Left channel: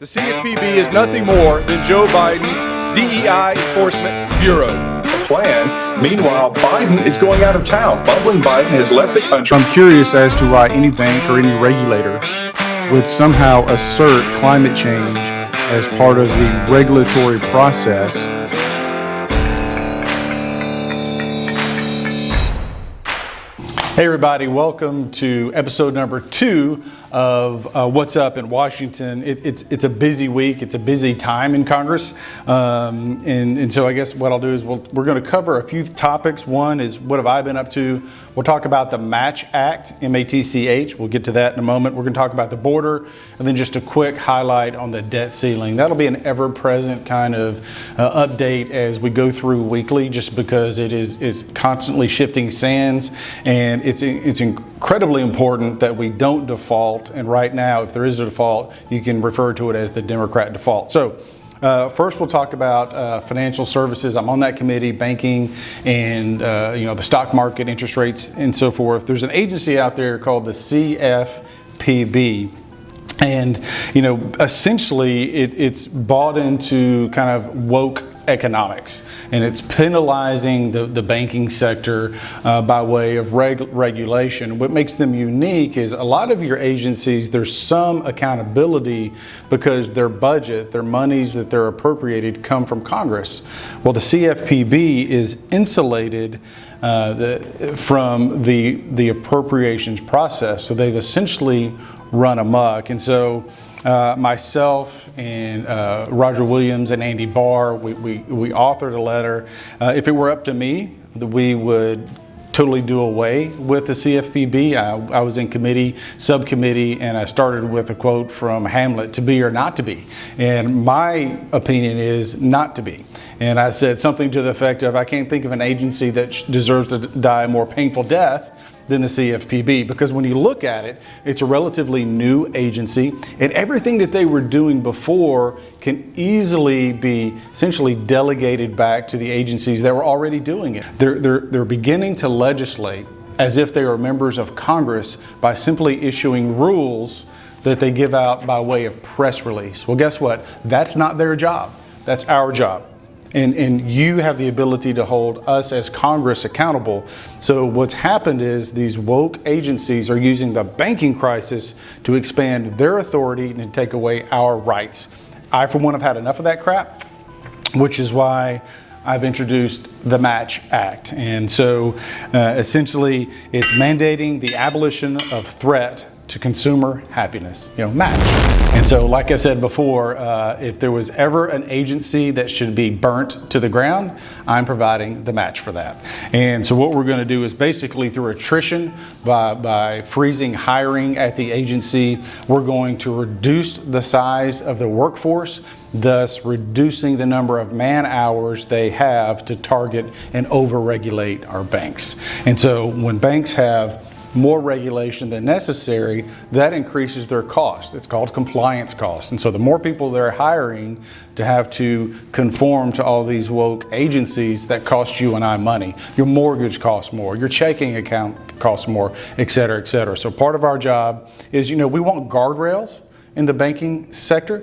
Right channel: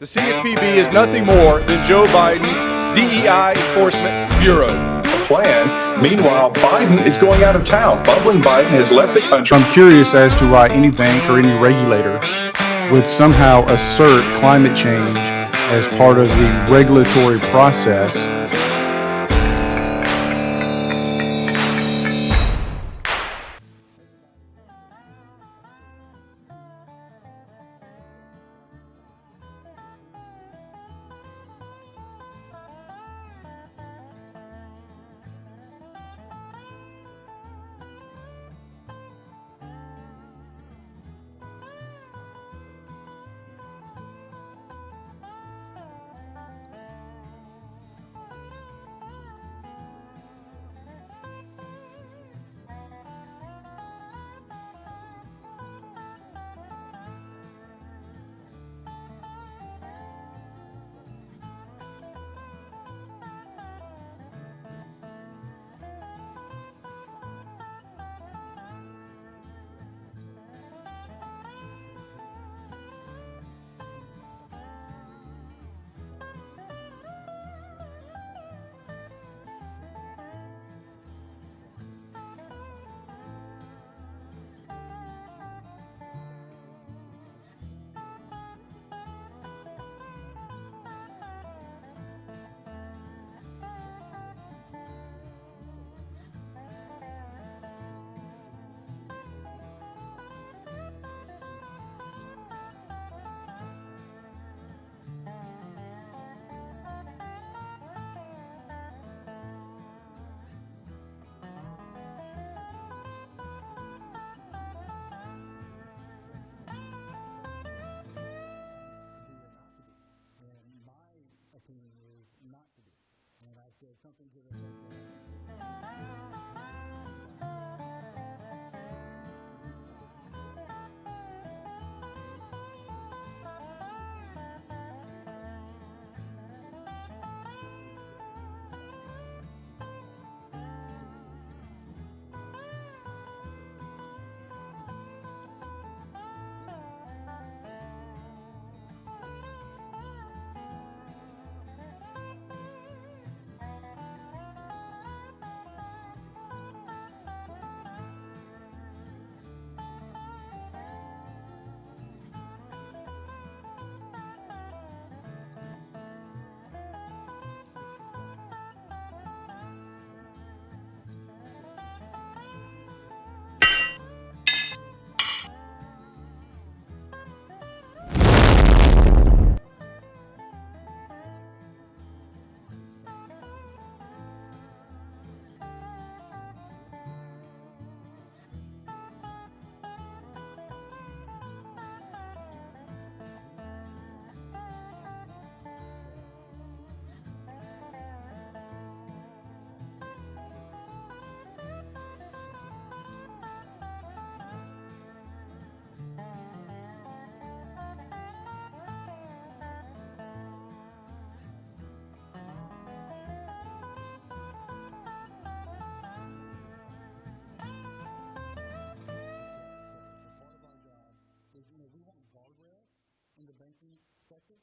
The CFPB is nothing more than Joe Biden's DEI Enforcement Bureau. Plan. Meanwhile, Biden is going out of town. Bumbling Biden has left the country. I'm curious as to why any bank or any regulator would somehow assert climate change as part of the regulatory process. Hey everybody, welcome to episode number 2 of What's Up in Washington. It's a busy week, it's a busy time in Congress, and so I guess what I'll do is we're going to cover a few topics. One is what have I been up to. We'll talk about the MATCH Act, M-A-T-C-H. We'll get to that in a moment. We're going to talk about the border, and then just a quick highlight on the debt ceiling. That'll be an ever-present kind of update as we go through weekly, just because it's constantly shifting sands, and it's incredibly important that we don't default. And right now, if there is a default, you can refer to it as the Democrat default. So first, we'll talk about financial services. I'm on that committee, banking, and the stock market, interest rates, and so forth. There's an agency out there called the CFPB. And, essentially it's bought into kind of woke economics, and it's penalizing the banking sector by way of regulation. What makes them unique is a lot of your agencies, there's some accountability because their budget, their monies that they're appropriated come from Congress. Well, the CFPB is insulated from the appropriations process, so they've essentially run amok. And so myself and Roger Williams and Andy Barr, we authored a letter. If it were up to me, we would totally do away with the CFPB. I was in subcommittee, and I started with a quote from Hamlet, "To be or not to be." And my opinion is not to be. And I said something to the effect of, I can't think of an agency that deserves to die a more painful death than the CFPB, because when you look at it, it's a relatively new agency, and everything that they were doing before can easily be essentially delegated back to the agencies that were already doing it. They're beginning to legislate as if they are members of Congress by simply issuing rules that they give out by way of press release. Well, guess what? That's not their job. That's our job. And you have the ability to hold us as Congress accountable. So what's happened is these woke agencies are using the banking crisis to expand their authority and take away our rights. I, for one, have had enough of that crap, which is why I've introduced the MATCH Act. And so essentially it's mandating the abolition of threat to consumer happiness, match. And so, like I said before, if there was ever an agency that should be burnt to the ground, I'm providing the match for that. And so what we're going to do is basically through attrition, by freezing hiring at the agency, we're going to reduce the size of the workforce, thus reducing the number of man hours they have to target and over-regulate our banks. And so when banks have more regulation than necessary, that increases their cost. It's called compliance cost. And so the more people they're hiring to have to conform to all these woke agencies, that costs you and I money. Your mortgage costs more, your checking account costs more, et cetera, et cetera. So part of our job is, we want guardrails in the banking sector,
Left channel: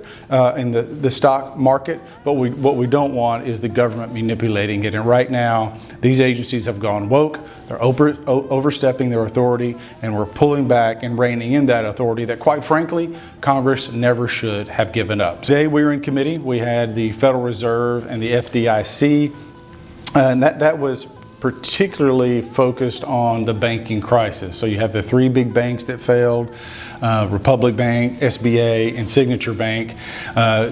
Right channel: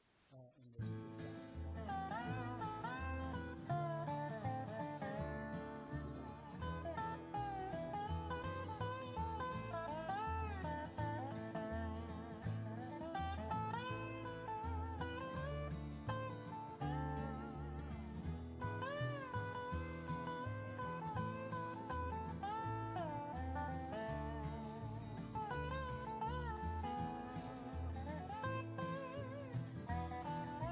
in the stock market, but what we don't want is the government manipulating it. And right now, these agencies have gone woke. They're overstepping their authority, and we're pulling back and reining in that authority that, quite frankly, Congress never should have given up. Today we were in committee. We had the Federal Reserve and the FDIC, and that was particularly focused on the banking crisis. So you have the 3 big banks that failed, Republic Bank, SBA, and Signature Bank.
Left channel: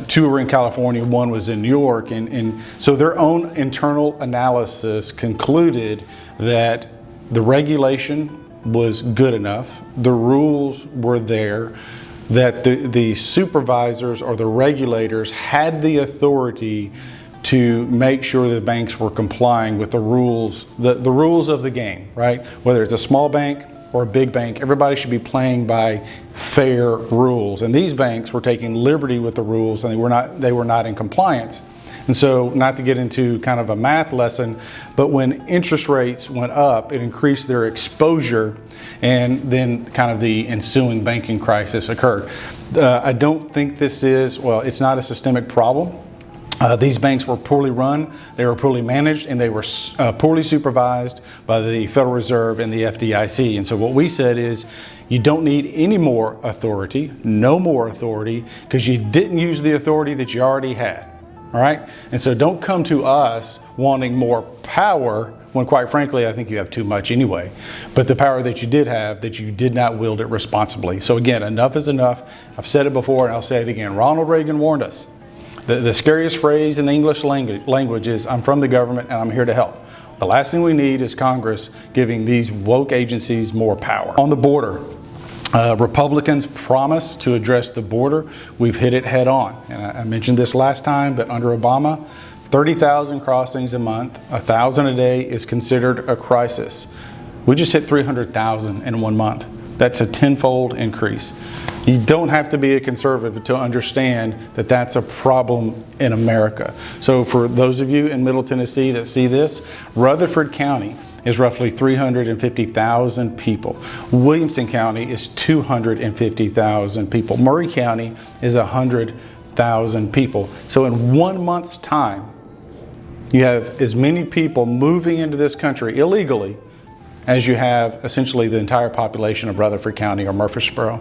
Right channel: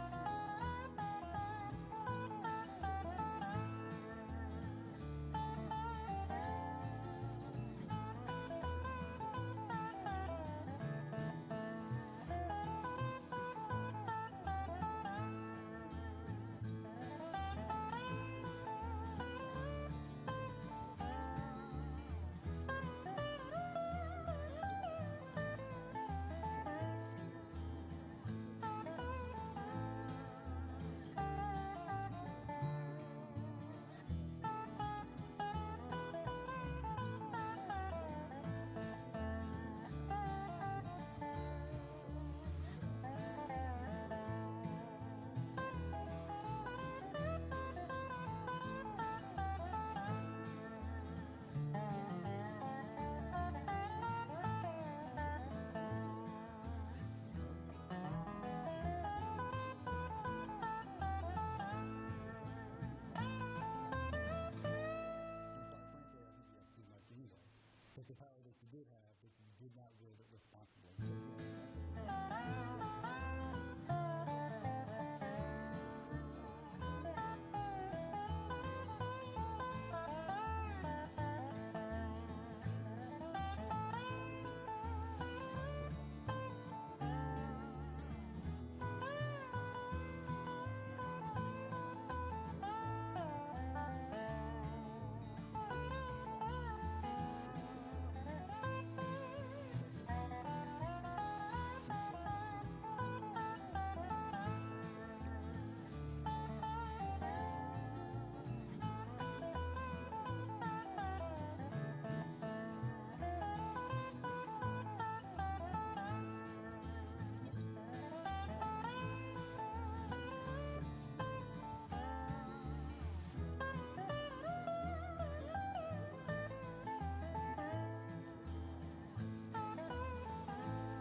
2 were in California, 1 was in New York. And so their own internal analysis concluded that the regulation was good enough, the rules were there, that the supervisors or the regulators had the authority to make sure the banks were complying with the rules, the rules of the game, right? Whether it's a small bank or a big bank, everybody should be playing by fair rules. And these banks were taking liberty with the rules, and they were not in compliance. And so, not to get into kind of a math lesson, but when interest rates went up, it increased their exposure, and then kind of the ensuing banking crisis occurred. I don't think this is, well, it's not a systemic problem. These banks were poorly run, they were poorly managed, and they were poorly supervised by the Federal Reserve and the FDIC. And so what we said is, you don't need any more authority, no more authority, because you didn't use the authority that you already had. All right? And so don't come to us wanting more power when, quite frankly, I think you have too much anyway. But the power that you did have, that you did not wield it responsibly. So again, enough is enough. I've said it before and I'll say it again. Ronald Reagan warned us. The scariest phrase in the English language is, I'm from the government and I'm here to help. The last thing we need is Congress giving these woke agencies more power. On the border, Republicans promised to address the border. We've hit it head on. And I mentioned this last time, but under Obama, 30,000 crossings a month, 1,000 a day is considered a crisis. We just hit 300,000 in 1 month. That's a tenfold increase. You don't have to be a conservative to understand that that's a problem in America. So for those of you in Middle Tennessee that see this, Rutherford County is roughly 350,000 people. Williamson County is 250,000 people. Murray County is 100,000 people. So in 1 month's time, you have as many people moving into this country illegally as you have essentially the entire population of Rutherford County or Murfreesboro.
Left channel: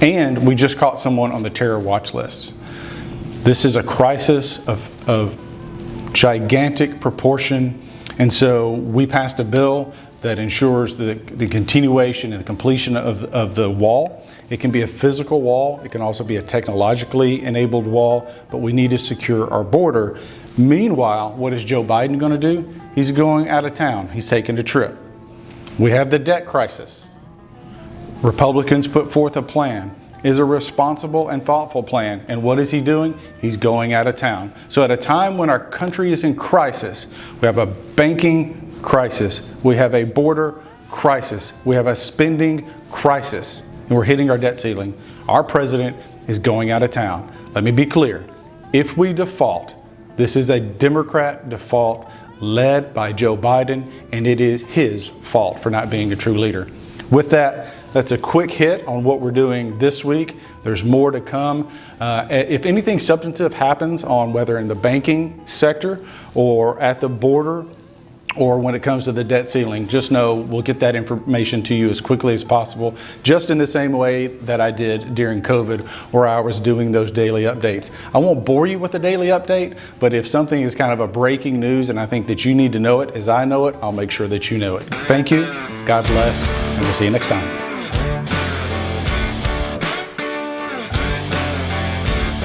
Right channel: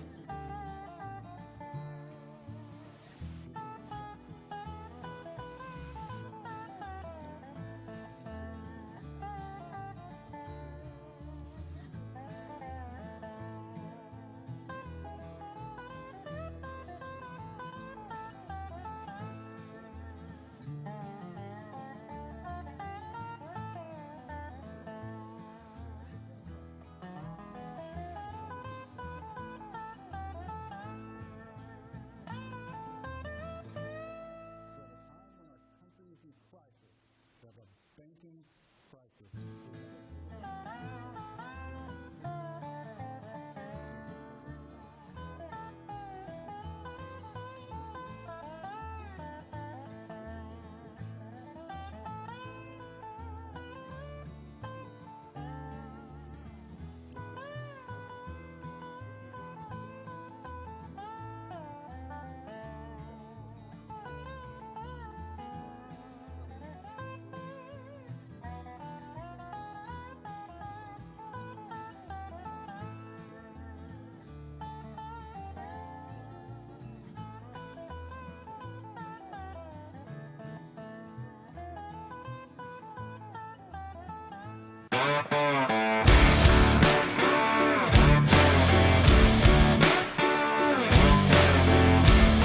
And we just caught someone on the terror watch list. This is a crisis of gigantic proportion. And so we passed a bill that ensures the continuation and the completion of the wall. It can be a physical wall. It can also be a technologically enabled wall, but we need to secure our border. Meanwhile, what is Joe Biden going to do? He's going out of town. He's taking a trip. We have the debt crisis. Republicans put forth a plan. Is a responsible and thoughtful plan. And what is he doing? He's going out of town. So at a time when our country is in crisis, we have a banking crisis, we have a border crisis, we have a spending crisis, and we're hitting our debt ceiling. Our president is going out of town. Let me be clear. If we default, this is a Democrat default led by Joe Biden, and it is his fault for not being a true leader. With that, that's a quick hit on what we're doing this week. There's more to come. If anything substantive happens on whether in the banking sector or at the border or when it comes to the debt ceiling, just know we'll get that information to you as quickly as possible, just in the same way that I did during COVID, where I was doing those daily updates. I won't bore you with the daily update, but if something is kind of a breaking news and I think that you need to know it as I know it, I'll make sure that you know it. Thank you. God bless. And we'll see you next time.